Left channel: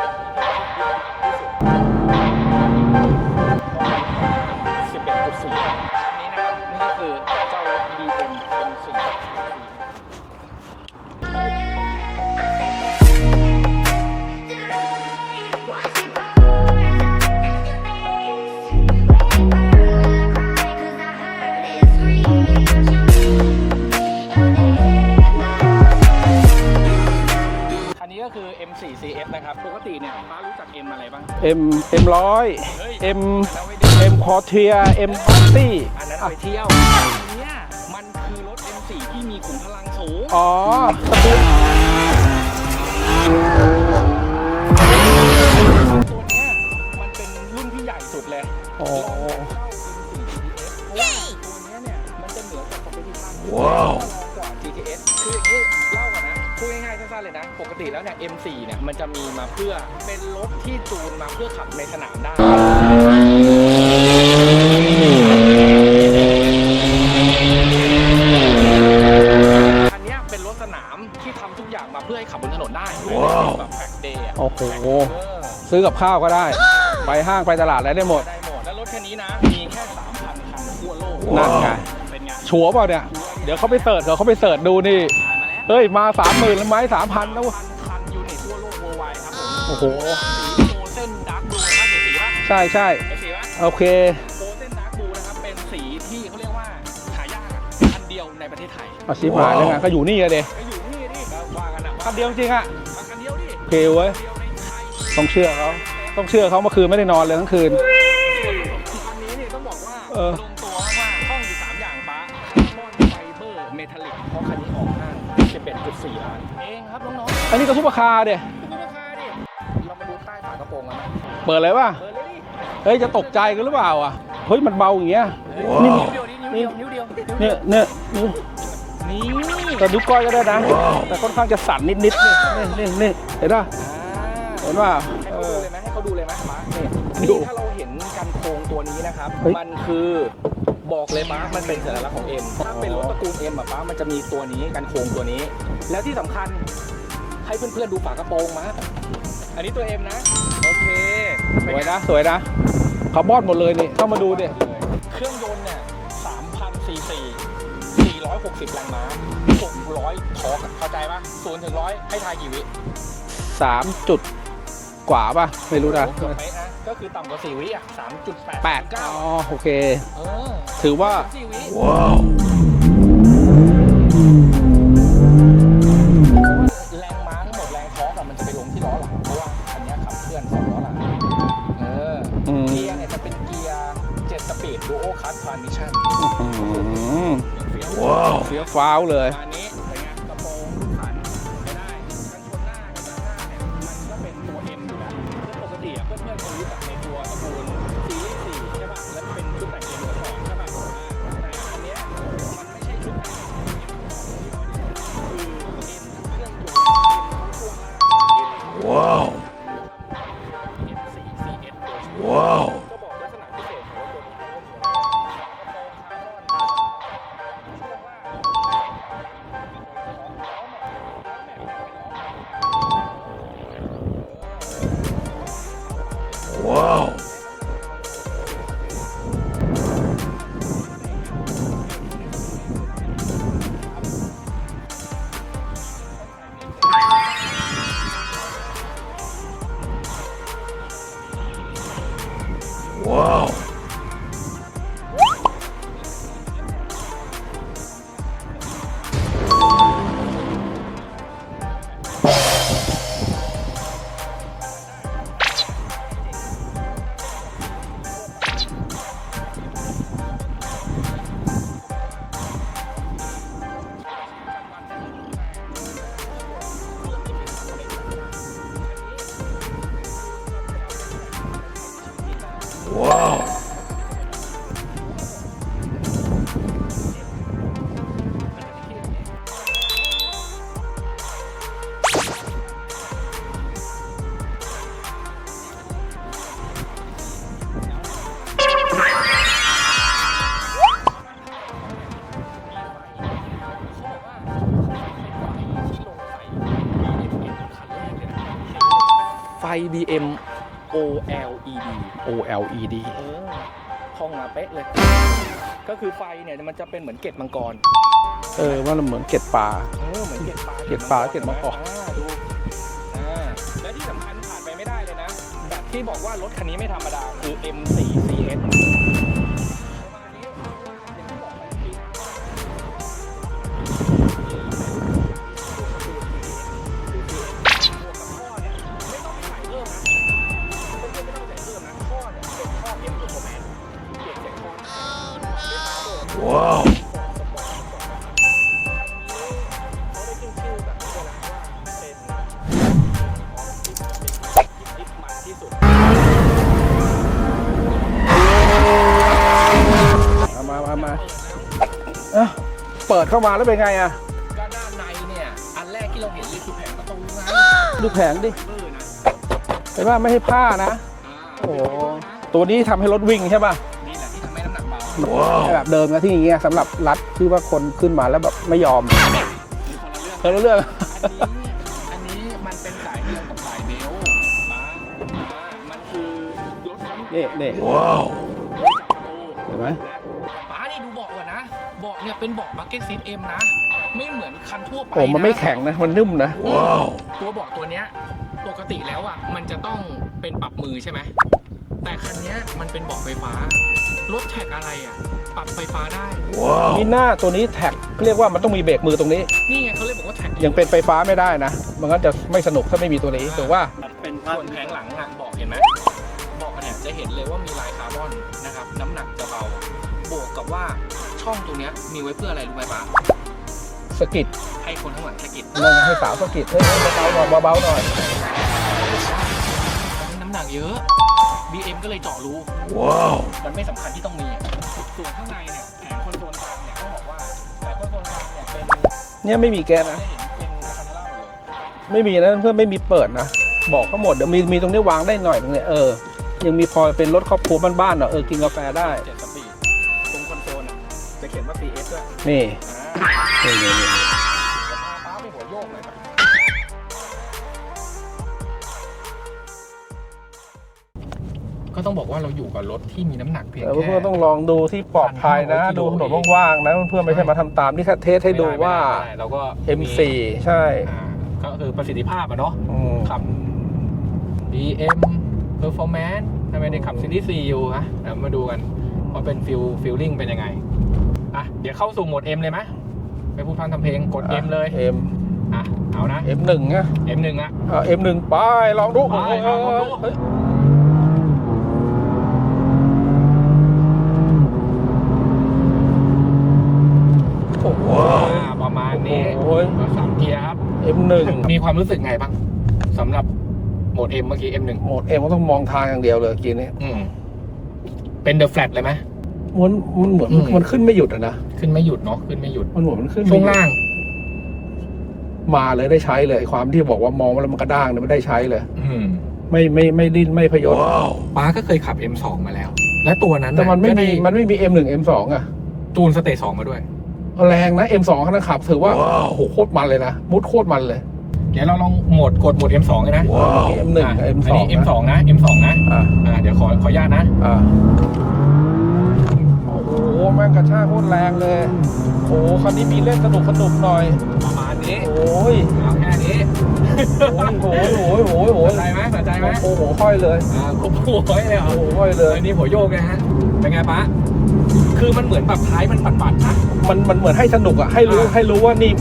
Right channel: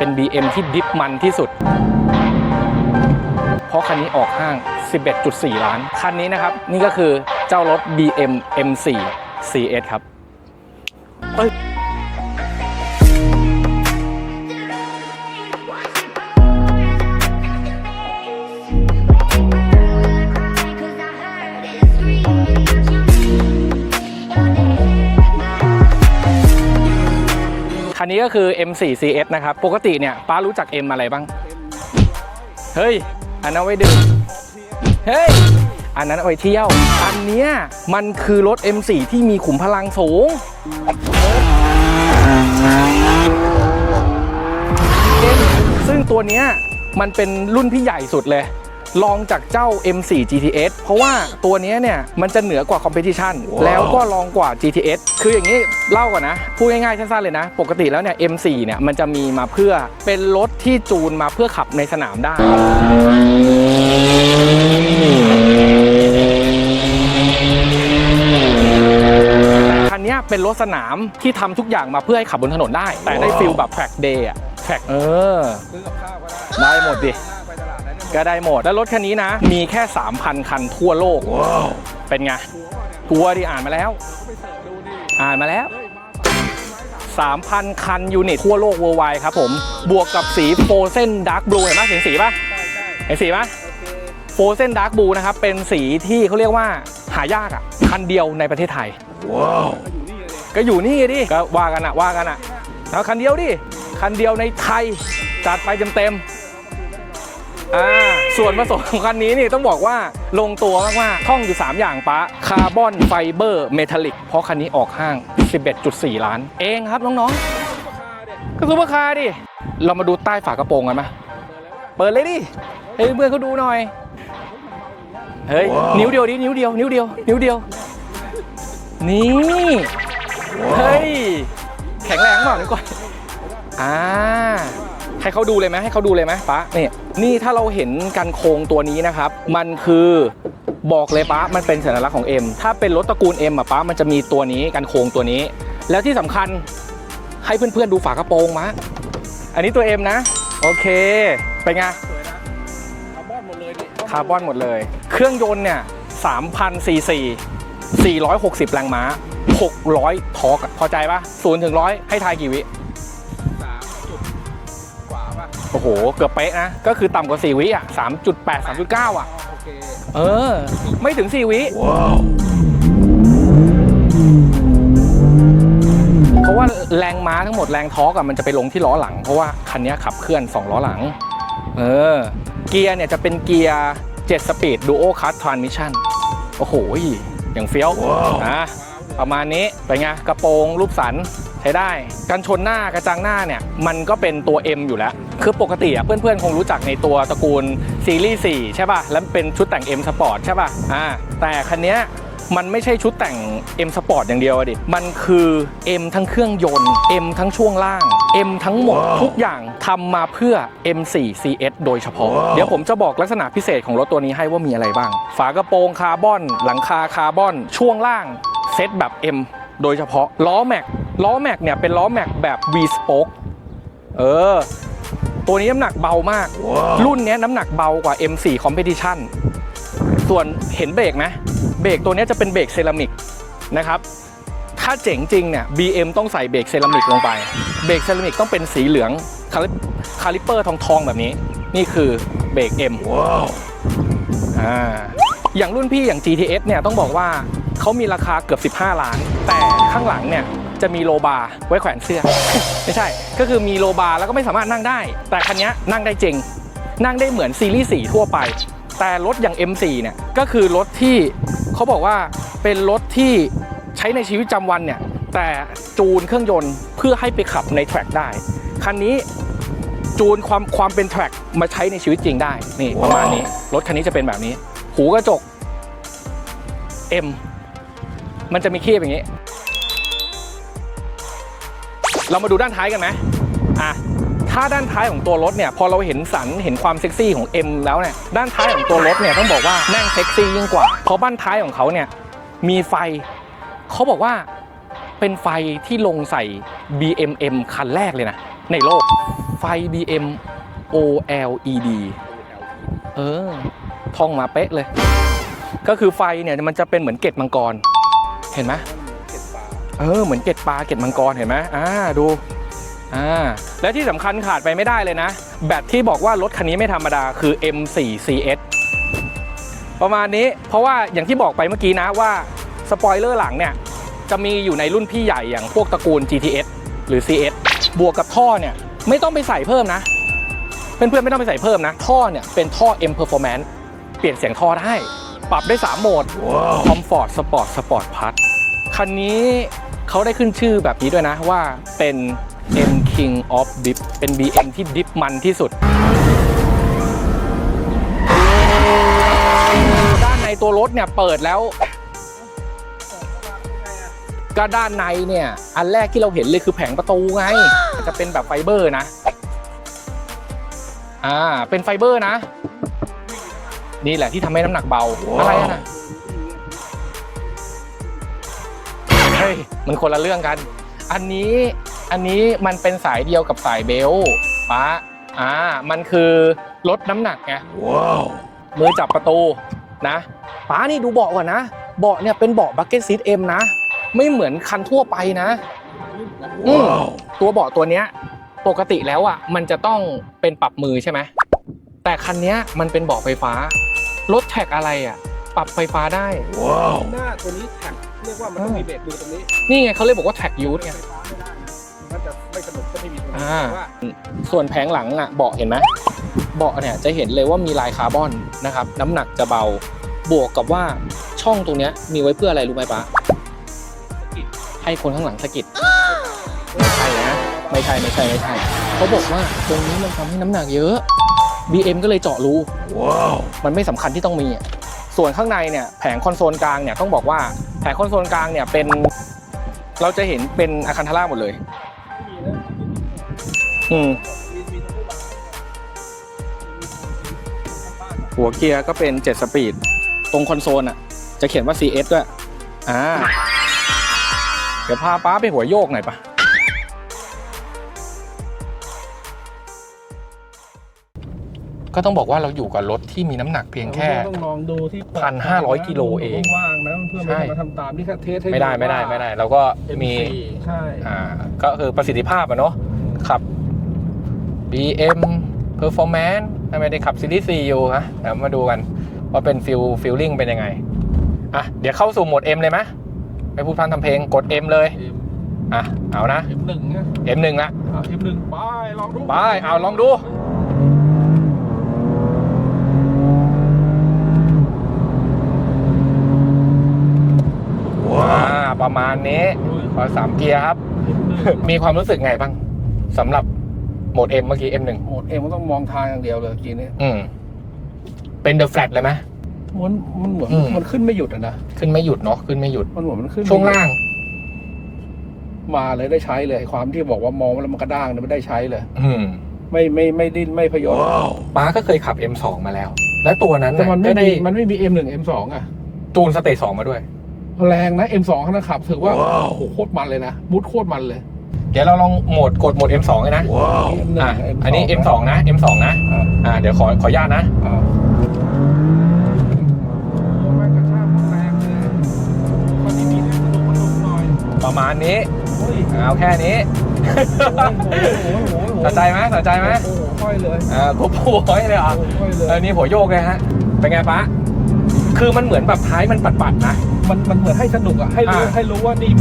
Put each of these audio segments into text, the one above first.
เป็น BM ที่ดิฟมันที่สุด เพราะคันนี้ออกห้าง 11.4 ล้าน คันนี้นะครับ นี่ก็คือเจ้ารถ BM M4 CS ครับ เอ้ย นี้ก็คือ M4 CS นะครับ ปกติเนี่ยป้ารู้จัก M อะไรบ้างเอ็มเอ็มร้อยเฮ้ยเอ็มอันนั้นไว้ดึงเอ็มพอเทียเอ็มเฮ้ย ตี้อันนั้นเอาไปเที่ยว อันเนี้ยมันคือรถ M4 ที่มีขุมพลังสูง อ๋อ ซึ่งตัวเนี้ยมันเป็นรุ่นที่ใหญ่สุดเลย ลองจากเจ้า M4 GTS เพราะว่าตัวเนี้ยเนี่ยมันจะเหนือกว่า Competition แล้วก็รองกว่า GTS คืออย่างนี้เล่าก่อนนะ พูดง่ายๆสั้นๆเลยนะ ปกติแล้วเนี่ย M4 เนี่ยมันจะมีมาเพื่อเป็นรถที่จูนมาเพื่อขับในสนามได้ คันเนี้ยเป็นร ถสนามที่ทำทุกอย่างมาเพื่อให้ขับบนถนนได้ แต่ได้ฟิลแบบแฟกเดย์อะโอ้โหแฟกเออซื้อกับข้าวก็ได้ได้หมดดิไปห้างไปตลาดอะไรได้หมดก็ได้หมดแล้วรถคันนี้นะ มีแค่ 3,000 คันทั่วโลกเป็นไงชัวร์เปล่าเนี่ยกลัวดิเดี๋ยอ่าวนเขามาไปแล้วเสิร์ชเดี๋ยวเขาไปเสิร์ชดูนี่อ่านมาแล้วเฮ้ยมาสามหมื่นไหมสามพัน3,000 คันยูนิตทั่วโลกเวอร์ไวครับผมบวกกับสีโฟเซนดาร์กบลูเห็นปะเห็นสีปะใช่ใช่เห็นสีปะโอเคโฟเซนดาร์กบลูนะครับเป็นสีที่เขาเรียกว่าหายากอะคันเดียวในประเทศไทยอาชีพมาเลยนะก็อยู่นี่เลยก็อยู่นี่ดิก็ว่ากันอะว่ากันจอะริงๆอะเอาคันเดียวดิโอเคเว้คัยนเดียวในไทยต้องเชื่อจัดไปเต็มๆ ต้องเชื่อเขาเมื่อคืนไม่ได้นอนเลยทั้งคืน อ่าส่วนผสมของคันนี้นี่ต้องบอกว่าเออ ลงตัวมากๆท่องอยู่ 3 อย่างปะคาร์บอนไฟเบอร์เมทัลลิก เพราะคันนี้ออกห้าง 11.4 ล้าน เองครับน้องอันนี้ก็ซุปเปอร์คาร์เดียๆก็ซูเปอร์คาร์ดิ เรามาดูใต้ฝากระโปรงกันไหมเปิดเลยป่ะเปิดเลยดิ เฮ้ยจะตเพื่อกนๆใจเขาหดูรือหน่อยเปล่าอะ เฮ้ยมันเบาอย่างเงี้ยเฮ้ยนิ้วเดียวดินิ้วเดียวนิ้วเดียวนิ้วเดียวเนี่ยนี่แต่นิ้วก้อยก็ได้นะเฮ้ยค่อนข้างจะสั่นนิดนิดแข็งแรงหน่อยนี่นี่เห็นป่ะอ่าเห็นป่ะให้เขาดูเลยไหมให้เขาดูเลยไหมป๊าเนี่ยนี่ถ้าเราเห็นกันโครงตัวนี้นะครับเฮ้ยมันคือบอกเลยป๊ามันเป็นสัญลักษณ์ของ M ถ้าเป็นรถตระกูล M อะป๊ามันจะมีตัวนี้กันโครงตัวนี้ แล้วที่สำคัญให้เพื่อนๆดูฝากระโปรงมะอันนี้ตัว M นะ โอเคเป็นไงสวยนะ คาร์บอนหมดเลยนี่ต้องมาคาดูร์บอนเนี่หยมดเลย เครื่องยนต์เนี่ย3,000ซีซี460 แรงม้า 600 ทอร์กอะพอใจปะศูนย์ถึงร้อยให้ทายกี่วิสามจุดกว่าป่ะโอ้โห เกือบเป๊ะนะ ก็คือต่ำกว่า 4 วิอะ3.8 3.9 อะ อ๋อโอเค เออ ถือว่า ไม่ถึง 4 วิเพราะว่ แรงม้าทั้งหมดแรงทอร์กอะมันจะไปลงที่ล้อหลัง เพราะว่าคันนี้ขับเคลื่อน 2 ล้อหลัง เอออืมเกียร์เนี่ยจะเป็นเกียร์ 7 สปีดดูโอคัสทรานมิชชั่นโอ้โหอืมอย่างเฟี้ยวนะว้าวเลย ประมาณนี้เป็นไงกระโปรงรูปสันใช้ได้กันชนหน้ากระจังหน้าเนี่ย มันก็เป็นตัว M อยู่แล้ว คือปกติอะเพื่อนๆ คงรู้จักในตัวตระกูลซีรีส์4ใช่ป่ะ แล้วเป็นชุดแต่ง M Sport ใช่ป่ะอ่าแต่คันเนี้ย มันไม่ใช่ชุดแต่ง M Sport อย่างเดียวอะดิ มันคือ M ทั้งเครื่องยนต์ M ทั้งช่วงล่าง M ทั้งหมดทุกอย่างทำมาเพื่อ M4 CS โดยเฉพาะเดี๋ยวผมจะบอกลักษณะพิเศษของรถตัวนี้ให้ว่ามีอะไรบ้าง ฝากระโปรงคาร์บอน หลังคาคาร์บอน ช่วงล่างเซตแบบ M โดยเฉพาะล้อแม็กล้อแม็กเนี่ยเป็นล้อแม็กแบบ V spoke เออ ตัวนี้น้ำหนักเบามากรุ่นเนี้ยน้ำหนักเบากว่า M4 Competition ส่วนเห็นเบรกไหม เบรกตัวเนี้ยจะเป็นเบรกเซรามิกนะครับ ถ้าเจ๋งจริงเนี่ย BM ต้องใส่เบรกเซรามิกลงไป เบรกเซรามิกต้องเป็นสีเหลืองคาลิคาลิปเปอร์ทองทองๆแบบนี้ นี่คือเบรก M อ่าอย่างรุ่นพี่อย่าง GTS เนี่ยต้องบอกว่าเขามีราคาเกือบ 15 ล้าน แต่ข้างหลังเนี่ยจะมีโลบาร์ไว้แขวนเสื้อ ไม่ใช่ ก็คือมีโลบาร์แล้วก็ไม่สามารถนั่งได้ แต่คันเนี้ยนั่งได้จริง นั่งได้เหมือนซีรีส์4ทั่วไป แต่รถอย่าง M4 เนี่ยก็คือรถที่เขาบอกว่าเป็นรถที่ใช้ในชีวิตประจำวันเนี่ยแต่จูนเครื่องยนต์เพื่อให้ไปขับในแทร็กได้ คันนี้จูนความความเป็นแทร็กมาใช้ในชีวิตจริงได้นี่ประมาณนี้รถคันนี้จะเป็นแบบนี้ หูกระจก M มันจะมีคีบอย่างนี้ เรามาดูด้านท้ายกันไหมอะ ถ้าด้านท้ายของตัวรถเนี่ยพอเราเห็นสันเห็นความเซ็กซี่ของ M แล้วเนี่ยด้านท้ายของตัวรถเนี่ยต้องบอกว่าแม่งเซ็กซี่ยิ่งกว่าเพราะบ้านท้ายของเขาเนี่ยมีไฟเขาบอกว่าเป็นไฟที่ลงใส่ BMM คันแรกเลยนะ ในโลกไฟ BM OLED OLED เออท่องมาเป๊ะเลย ก็คือไฟเนี่ยมันจะเป็นเหมือนเกล็ดมังกร เห็นไหมออว่ามันเหมือนเกล็ดปลาเออเหมือนเกล็ดปลาเกล็ดมังกรเกล็ดปลาเห็นไหมเกล็ดมังกรอ่าดู อ่าและที่สำคัญขาดไปไม่ได้เลยนะ แบบที่บอกว่ารถคันนี้ไม่ธรรมดาคือ M4 CS ประมาณนี้เพราะว่าอย่างที่บอกไปเมื่อกี้นะว่าสปอยเลอร์หลังเนี่ย จะมีอยู่ในรุ่นพี่ใหญ่อย่างพวกตระกูล GTS หรือ CS บวกกับท่อเนี่ย ไม่ต้องไปใส่เพิ่มนะ เพื่อนๆ ไม่ต้องไปใส่เพิ่มนะ ท่อเนี่ย เป็นท่อ M Performance เปลี่ยนเสียงท่อได้ ปรับได้ 3 โหมด Comfort Sport Sport Plus คันนี้เขาได้ขึ้นชื่อแบบนี้ด้วยนะว่าเป็น M King of Dip เป็น BM ที่ดิฟมันที่สุด ด้านในตัวรถเนี่ยเปิดแล้วเอ้าเปิดเข้ามาแล้วเป็นไงอะก็ด้านในเนี่ย อันแรกที่เราเห็นเลยคือแผงประตูไงที่เป็นแบบไฟเบอร์นะ เห็นว่าไม่ให้ผ้านะ อ่า เป็นไฟเบอร์นะ ตัวนี้ทำให้รถวิ่งใช่ป่ะ นี่แหละที่ทำให้น้ำหนักเบาไม่ใช่แบบเดิมนะที่อย่างเงี้ยสำหรับรัดที่ว่าคนขึ้นมาแล้วแบบไม่ยอมเฮ้ยมันคนละเรื่องกักันนเรื่องอันนี้ อันนี้มันเป็นสายเดียวกับสายเบลต์ป้าอ่า มันคือลดน้ำหนักนี่ไงนี่มือจับประตูเห็นไหมนะป้านี่ดูเบาะก่อนนะ เบาะเนี่ยเป็นเบาะบักเก็ตซีทเอ็มนะ ไม่เหมือนคันทั่วไปผมมันนะไม่แข็งนะ มันนุ่มนะ นี่ตัวเบาะตัวเนี้ย ปกติแล้วอะมันจะต้องเป็นปรับมือใช่ไหมแต่คันเนี้ยมันเป็นเบาะไฟฟ้ารถแท็กอะไรอะ ปรับไฟฟ้าได้มีหน้าตัวนี้แท็กเรียกว่ามันต้องมีเบรกมือตรงนี้ นี่ไงเขาเลยบอกว่าแท็กยังเป็นไฟฟ้าไม่ได้นะ มันก็จะไม่สนุกถ้าไม่มีตัวนี้อ่าแต่ว่าส่วนแผงหลังอะเบาะเห็นไหมเบาะเนี่ยจะเห็นเลยว่ามีลายคาร์บอนนะครับ น้ำหนักจะเบาบวกกับว่าช่องตรงเนี้ยมีไว้เพื่ออะไรรู้ไหมปะ สกิดให้คนข้างหลังสกิดเรื่องให้สาวสะกิดเอ้ยเบาไม่ๆหน่ใช่อยไม่ใช่ไม่ใช่เขาบอกว่าตรงนี้มันทำให้น้ำหนักเยอะ BM ก็เลยเจาะรูมันไม่สำคัญที่ต้องมีอะส่วนข้างในเนี่ยแผงคอนโซลกลางเนี่ยต้องบอกว่าแผงคอนโซลกลางเนี่ยเป็นเนี่ยไม่มีแกนเราจะเห็นเป็นอาคันทาร่าหมดเลย ไม่มีนะเพื่อนไม่มีเปิดนะอืบอกมก็หมดเดี๋ยวมีมีตรงนี้วางได้หน่อยตรงเนี้ยเออยังมีพอเป็นรถครอบครัวบ้านๆเนอะออหัวเกียร์ก็เป็นได้7สปีด ตรงคอนโซลอะ จะเขียนว่า CS ด้วย นี่อ่านี่นี่นี่เดี๋ยวพาป้าไปหัวโยกหน่อยปะก็ต้องบอกว่าเราอยู่กับรถที่มีน้ำหนักเพียงแล้วแค่ก็ต้องลองดูที่ปลอดภัย1,500นะกิโลดูถนเอนงว่างๆนะเพื่อนไม่ใช่ใช่มาทำตามนี่แค่เทสให้ไม่ดูได้ไม่ว่า ได้ไม่ได้ เราก็มี M4 ใช่อ่าก็คือประสิทธิภาพอะเนาะอืมขับ BM Performance ทำไมได้ขับซีรีส์4อยู่ฮะเดี๋ยวมาดูกัน ว่าเป็นฟิลฟิลลิ่งเป็นยังไงอะเดี๋ยวเข้าสู่โหมด M เลยไหมไม่พูดพร่ำทำเพลงกด M เลย M อะเอานะ M1 นะ M1 ละเอา M1 ไปลองดูไปเอาลองดูเฮ้ยว้าประมาณนี้โอ้ยขอสามเกียร์ครับ M1 มีความรู้สึกไงบ้างสำหรับโหมด M เมื่อกี้ M1 โหมด M ก็ต้องมองทางอย่างเดียวเลยกินนี้ อืมเป็น The Flat เลยไหมมันมันเหมือนอืม มันขึ้นไม่หยุดอะนะขึ้นไม่หยุดเนาะขึ้นไม่หยุด มันเหมือนมันขึ้นช่วงไม่หยุดล่าง มาเลยได้ใช้เลยความที่บอกว่ามองแล้วมันกระด้างเนี่ยไม่ได้ใช้เลย อืมไม่ไม่ไม่ดิ้นไม่พยศป้าก็เคยขับ M2 มาแล้ว และตัวนั้นแต่มันไม่ก็ด้มีมันไม่มี M1 M2 อะตูนสเตจสองมาด้วย แรงนะ M2 ขนาดขับถือว่าโอ้โหโคตรมันเลยนะมุดโคตรมันเลย เดี๋ยวเราลองโหมดกดโหมด M2 เลยนะ M1 อะกับ M2 อันนี้ M2 นะ M2 นะอ่าอ่าเดี๋ยวขอขออนุญาตนะอ่าโอ้โหแม่งกระชากโคตรแรงเลยโอ้โหคันนี้มีเล่นสนุกสนุกหน่อยประมาณนี้โอ้ยเอาแค่นี้โอ้โหโอ้โหโอ้โหโอ้โหสนใจไหมสนใจไหมโอ้โหค่อยเลยอ่าก็ผัวเลยเหรโอ้อะ โหค่อยเลยเออนี่หัวโยกเลยฮะ เป็นไงป้าคือมันเหมือนแบบท้ายมันปัดๆนะ มันมันเหมือนให้สนุกอะให้รู้อ่า ให้รู้ว่านี่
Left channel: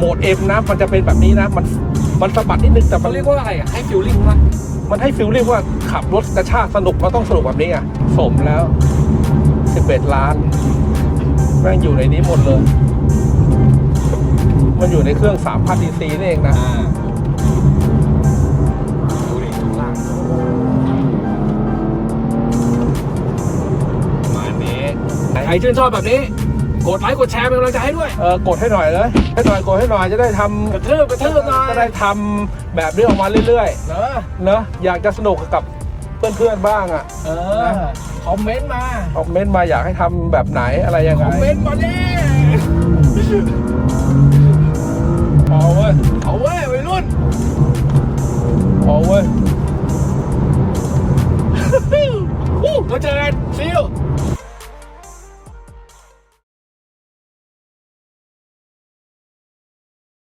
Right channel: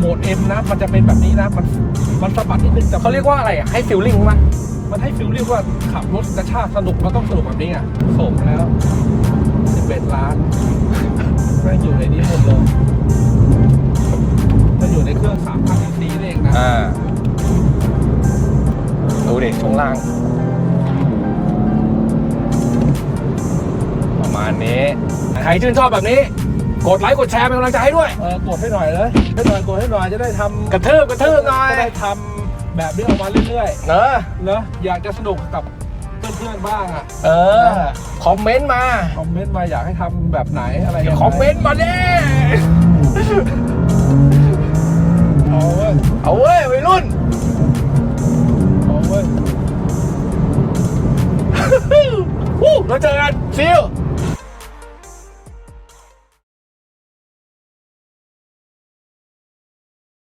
โหมด M นะ มันจะเป็นแบบนี้นะ มันมันสะบัดนิดนึงแต่เขาเรียกว่าอะไรอะให้ฟิลลิ่งมั้ยมันให้ฟิลลิ่งว่าขับรถกระชากสนุกมันต้องสนุกแบบนี้ไงสมแล้ว11ล้านแม่งอยู่ในนี้หมดเลย มันอยู่ในเครื่อง3,000 cc นี่เองนะอ่าดูเด็กช่วงล่าง ประมาณนี้ ใครชื่นชอบแบบนี้ กดไลค์กดแชร์เป็นกำลังใจให้ด้วย เออกดให้หน่อยเลยให้หน่อยกดให้หน่อยจะได้ทำกระเทิบกระเทิบหน่อย จะได้ทำแบบเรื่องวันเรื่อยๆเนอะเนอะอยากจะสนุกกับเพื่อนๆบ้างอะ เออ คอมเมนต์มา คอมเมนต์มาอยากให้ทำแบบไหนอะไรยังไงคอมเมนต์มาเดิเอาเว้ยเอาเว้ยวัยรุ่นเอาเว้ย เราเจอกันชิล